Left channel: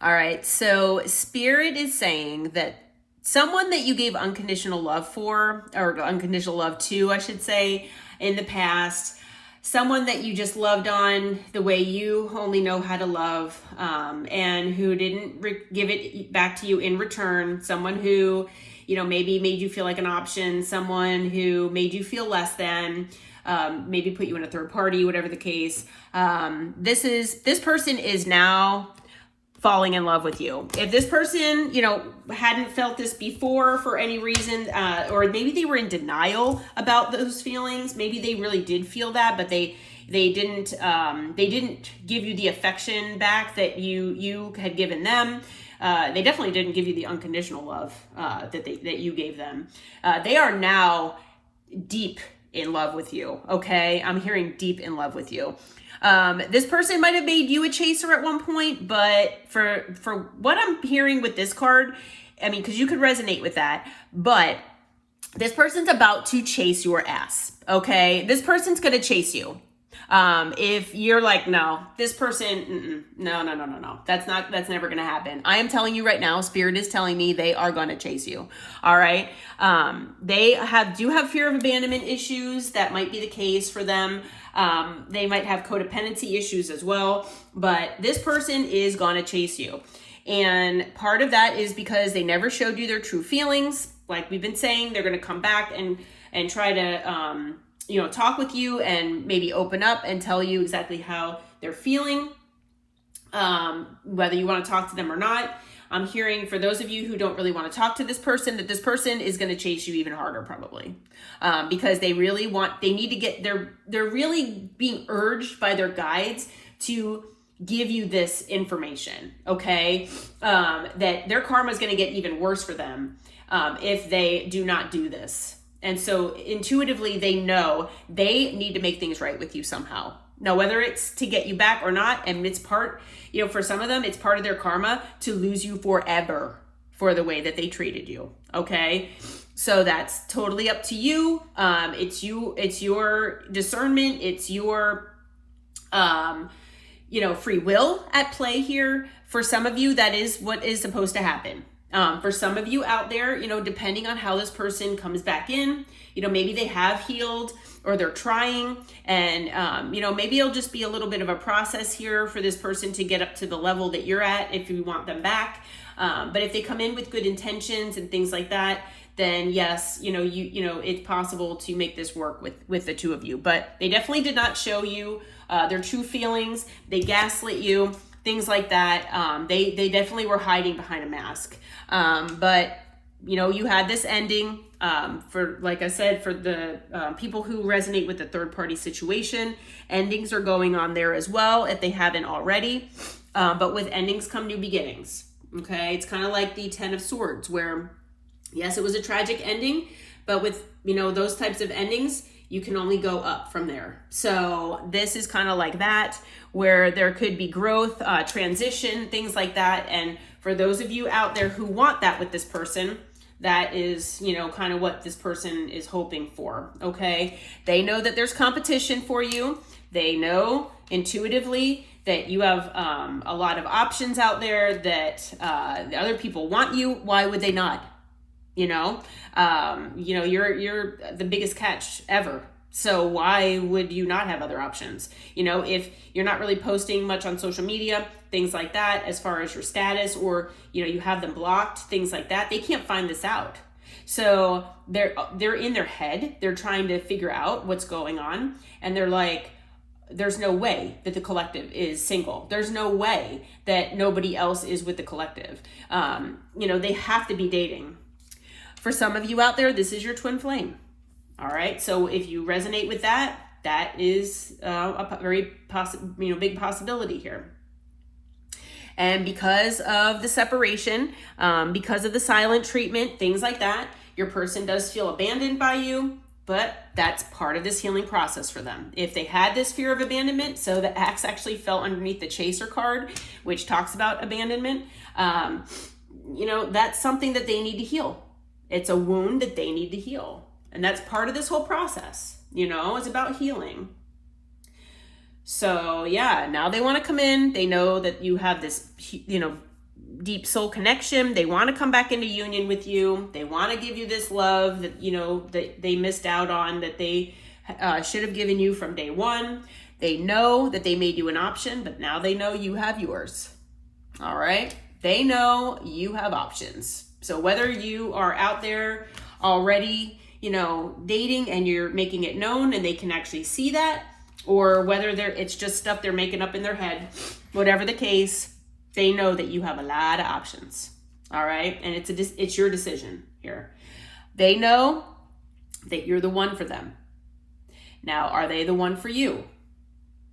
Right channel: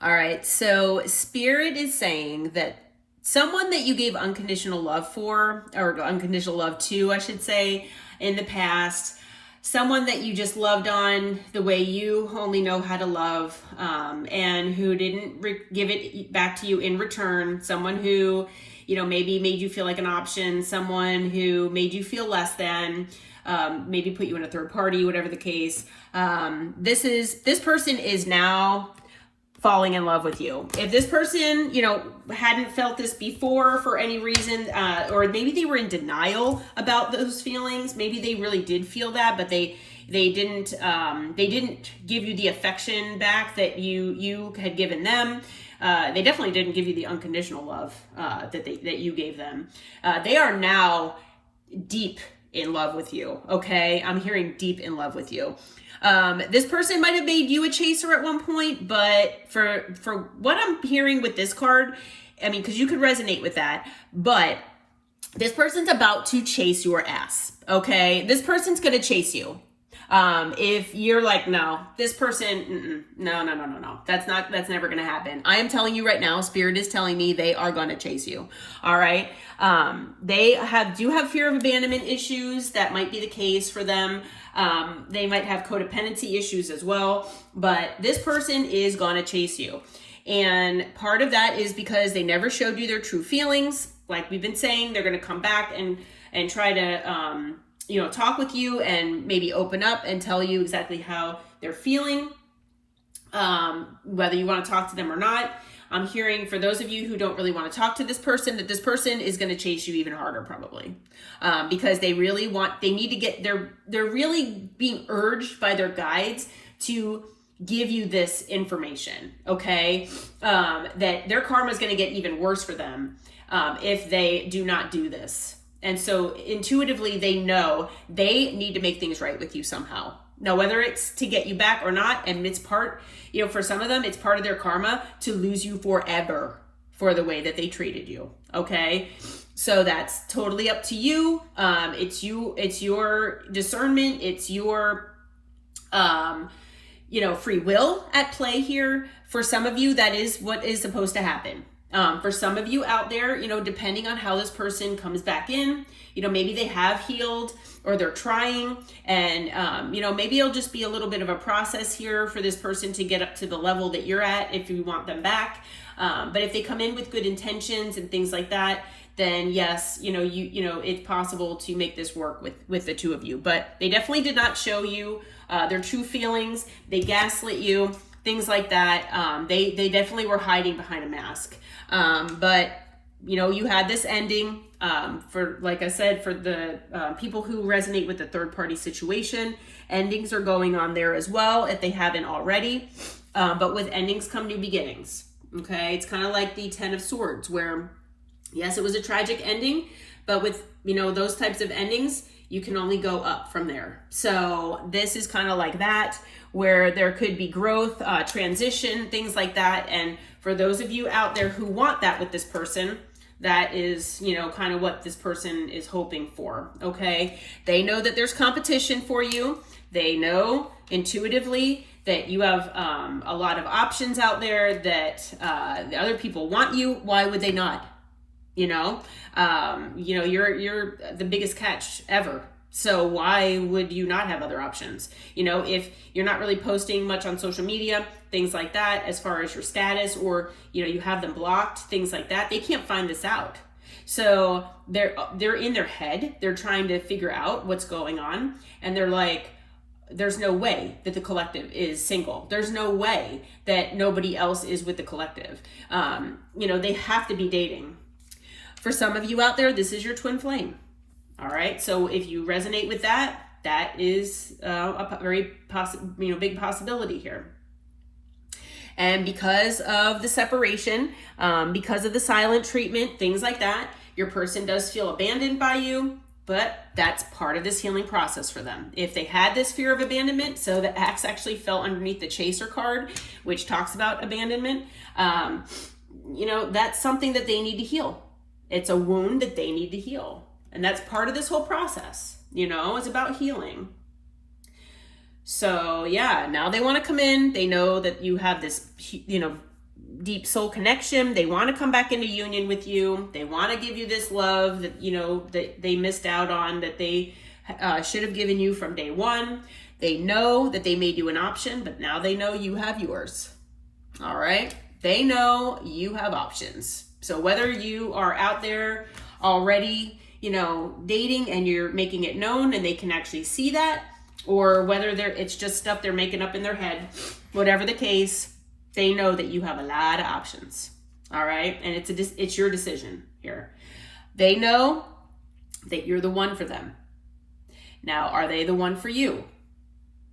All right, so Spirit is saying that someone that you gave unconditional love for, or unconditional love to, I should say, in the past, someone that you just loved on the way you only know how to love, and who didn't give it back to you in return, someone who, maybe made you feel like an option, someone who made you feel less than, maybe put you in a third party, whatever the case. This person is now falling in love with you. If this person, hadn't felt this before for any reason, or maybe they were in denial about those feelings, maybe they really did feel that, but they didn't give you the affection back that you had given them. They definitely didn't give you the unconditional love that you gave them. They are now deep in love with you. Okay, I'm hearing deep in love with you. This person might have made you a chaser at one point, but for what I'm hearing with this card, I mean, because you could resonate with that, but this person's about to chase your ass. Okay, this person's gonna chase you. If you're like, no, this person, no, that's never gonna happen. I am telling you right now, Spirit is telling me they are gonna chase you. All right. They do have fear of abandonment issues. That might be the case for them. They might have codependency issues as well, but this person is gonna chase you. And part of that is because they never showed you their true feelings. Like we've been saying, they're gonna come back and try to, talk with you and maybe open up and tell you exactly how they're feeling, whether you want to talk to them or not. I'm hearing, for those of you who don't really want to talk to this person, that this person is going to chase you even harder probably, because they need to get, they're really being urged by their guides to give you this information, okay? That their karma is going to get even worse for them if they do not do this. And so intuitively, they know they need to make things right with you somehow. Now, whether it's to get you back or not, and it's part, for some of them, it's part of their karma to lose you forever for the way that they treated you. Okay. So that's totally up to you. It's your discernment. It's your, free will at play here. For some of you, that is what is supposed to happen. For some of you out there, depending on how this person comes back in, maybe they have healed or they're trying, and, maybe it'll just be a little bit of a process here for this person to get up to the level that you're at if you want them back. But if they come in with good intentions and things like that, then yes, it's possible to make this work with the two of you. But they definitely did not show you their true feelings. They gaslit you, things like that. They definitely were hiding behind a mask. But you had this ending, for, like I said, for the people who resonate with the third party situation, endings are going on there as well, if they haven't already. But with endings come new beginnings. Okay. It's kind of like the 10 of Swords, where yes, it was a tragic ending, but with, those types of endings, you can only go up from there. So this is kind of like that, where there could be growth, transition, things like that. And for those of you out there who want that with this person, that is, kind of what this person is hoping for, okay? They know that there's competition for you. They know intuitively that you have a lot of options out there, that the other people want you. Why would they not? You're the biggest catch ever. So why would you not have other options? If you're not really posting much on social media, things like that, as far as your status, or, you have them blocked, things like that, they can't find this out. So they're in their head. They're trying to figure out what's going on. And they're like, there's no way that the collective is single. There's no way that nobody else is with the collective. They have to be dating. For some of you out there, this is your twin flame. All right. So if you resonate with that, that is a very big possibility here. And because of the separation, because of the silent treatment, things like that, your person does feel abandoned by you, but that's part of this healing process for them. If they had this fear of abandonment, so the axe actually fell underneath the Chaser card, which talks about abandonment, that's something that they need to heal. It's a wound that they need to heal. And that's part of this whole process, it's about healing. So yeah, now they want to come in. They know that you have this, deep soul connection. They want to come back into union with you. They want to give you this love that, you know, that they missed out on, that they should have given you from day one. They know that they made you an option, but now they know you have yours. All right. They know you have options. So whether you are out there already, you know, dating and you're making it known and they can actually see that, or whether it's just stuff they're making up in their head, whatever the case, they know that you have a lot of options. All right. And it's your decision here. They know that you're the one for them. Now, are they the one for you?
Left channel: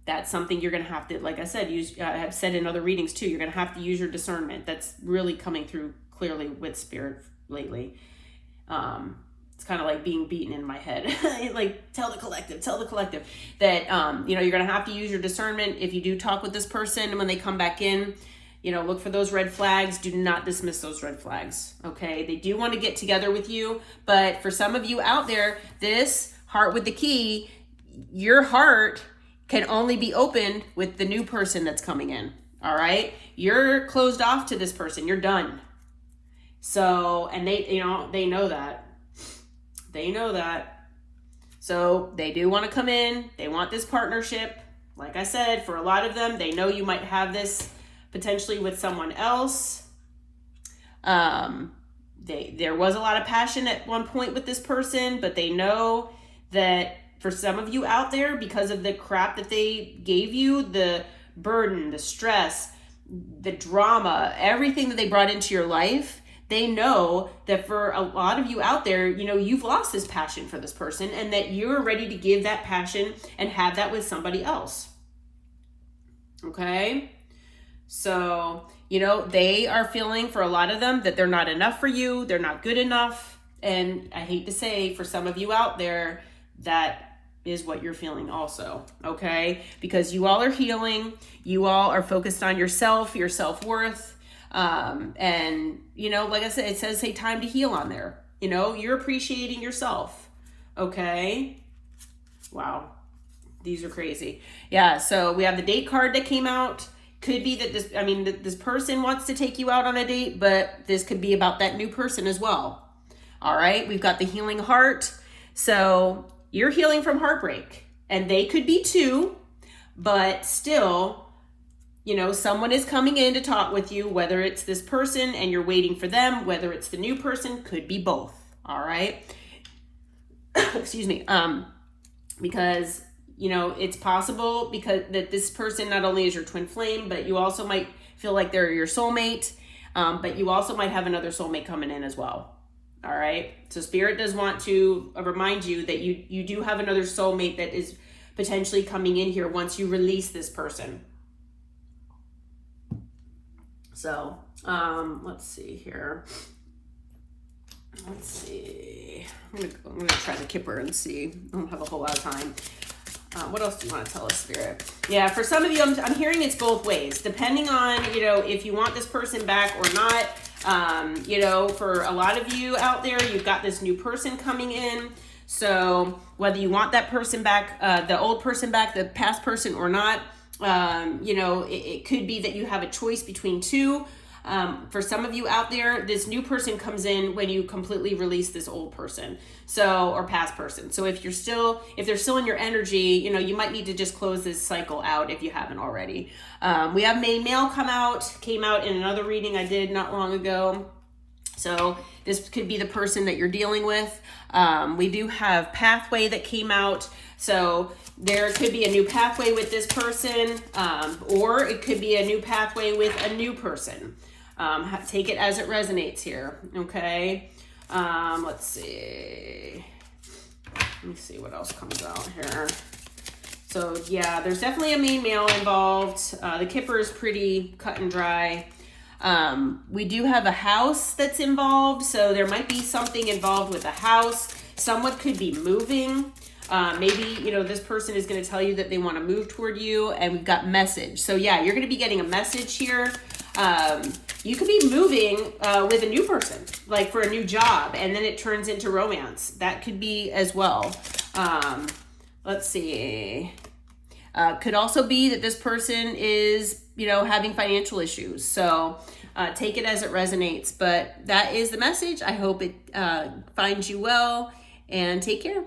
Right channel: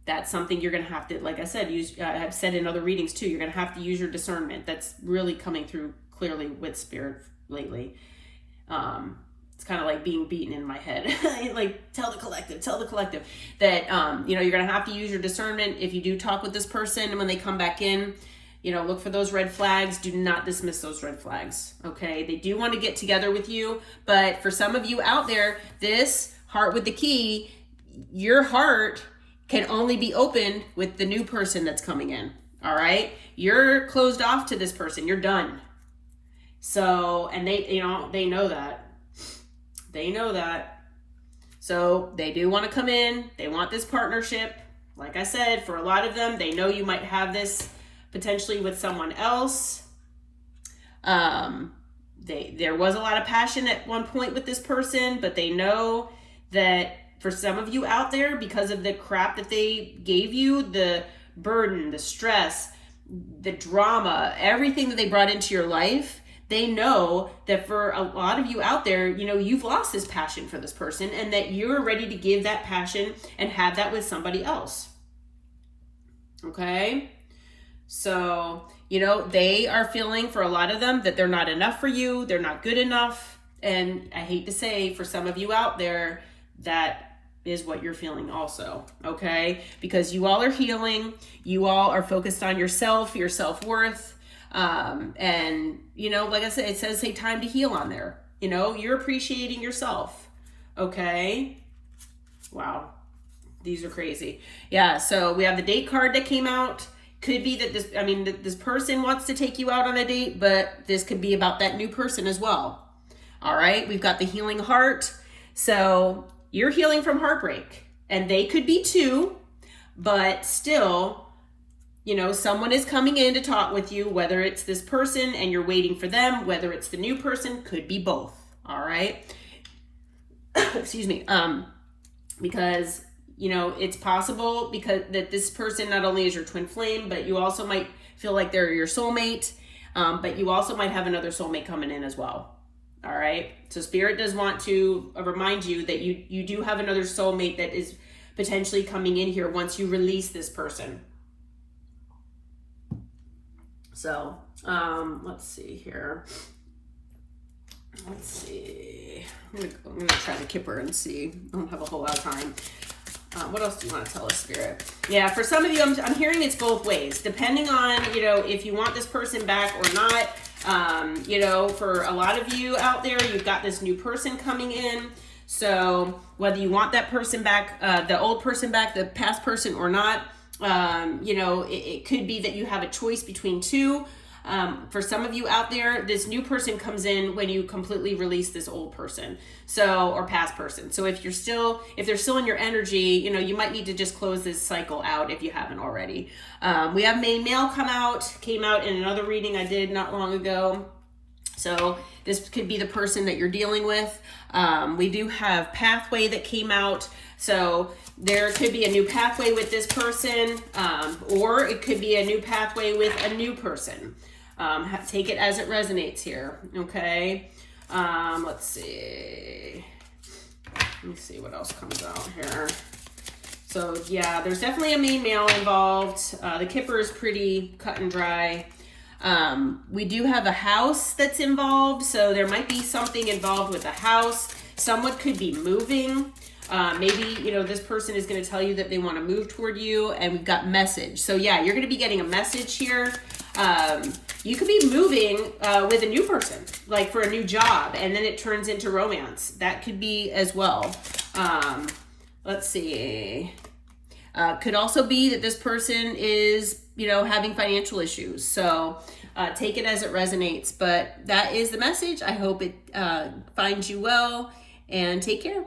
That's something you're going to have to, like I said, I've said in other readings too, you're going to have to use your discernment. That's really coming through clearly with spirit lately. It's kind of like being beaten in my head. Like, tell the collective that, you know, you're going to have to use your discernment. If you do talk with this person and when they come back in, you know, look for those red flags. Do not dismiss those red flags. Okay. They do want to get together with you, but for some of you out there, this heart with the key, your heart can only be opened with the new person that's coming in. All right. You're closed off to this person. You're done. So, and they, you know, they know that. They know that. So they do want to come in. They want this partnership. Like I said, for a lot of them, they know you might have this potentially with someone else. There was a lot of passion at one point with this person, but they know that for some of you out there, because of the crap that they gave you, the burden, the stress, the drama, everything that they brought into your life, they know that for a lot of you out there, you know, you've lost this passion for this person and that you're ready to give that passion and have that with somebody else. Okay? So, you know, they are feeling for a lot of them that they're not enough for you. They're not good enough. And I hate to say, for some of you out there, that is what you're feeling also, okay? Because you all are healing. You all are focused on yourself, your self-worth. And, you know, like I said, it says, hey, time to heal on there. You know, you're appreciating yourself, okay? Wow, these are crazy. Yeah, so we have the date card that came out. Could be that this person wants to take you out on a date, but this could be about that new person as well. All right, we've got the healing heart. So you're healing from heartbreak, and they could be too, but still, you know, someone is coming in to talk with you, whether it's this person and you're waiting for them, whether it's the new person, could be both. All right. Excuse me. Because, you know, it's possible because that this person not only is your twin flame, but you also might feel like they're your soulmate. But you also might have another soulmate coming in as well. All right. So spirit does want to remind you that you do have another soulmate that is potentially coming in here once you release this person. So, let's see here. Let's see. I'm gonna try the Kipper and see. I don't have a whole lot of time. What else do you want to tell us, Spirit? Yeah, for some of you, I'm hearing it's both ways, depending on, you know, if you want this person back or not. You know, for a lot of you out there, you've got this new person coming in. So whether you want that person back, the old person back, the past person or not, you know, it could be that you have a choice between two. For some of you out there, this new person comes in when you completely release this old person, so, or past person. So if they're still in your energy, you know, you might need to just close this cycle out if you haven't already. We have main male came out in another reading I did not long ago. So this could be the person that you're dealing with. We do have pathway that came out. So there could be a new pathway with this person, or it could be a new pathway with a new person. Take it as it resonates here, okay? Let's see. Let me see what else comes out here. So yeah, there's definitely a main male involved. The Kipper is pretty cut and dry. We do have a house that's involved, so there might be something involved with the house. Someone could be moving. Maybe, you know, this person is going to tell you that they want to move toward you, and we've got message. So yeah, you're going to be getting a message here. You could be moving with a new person, like for a new job, and then it turns into romance. That could be as well. Let's see. Could also be that this person is having financial issues. So take it as it resonates. But that is the message. I hope it finds you well, and take care.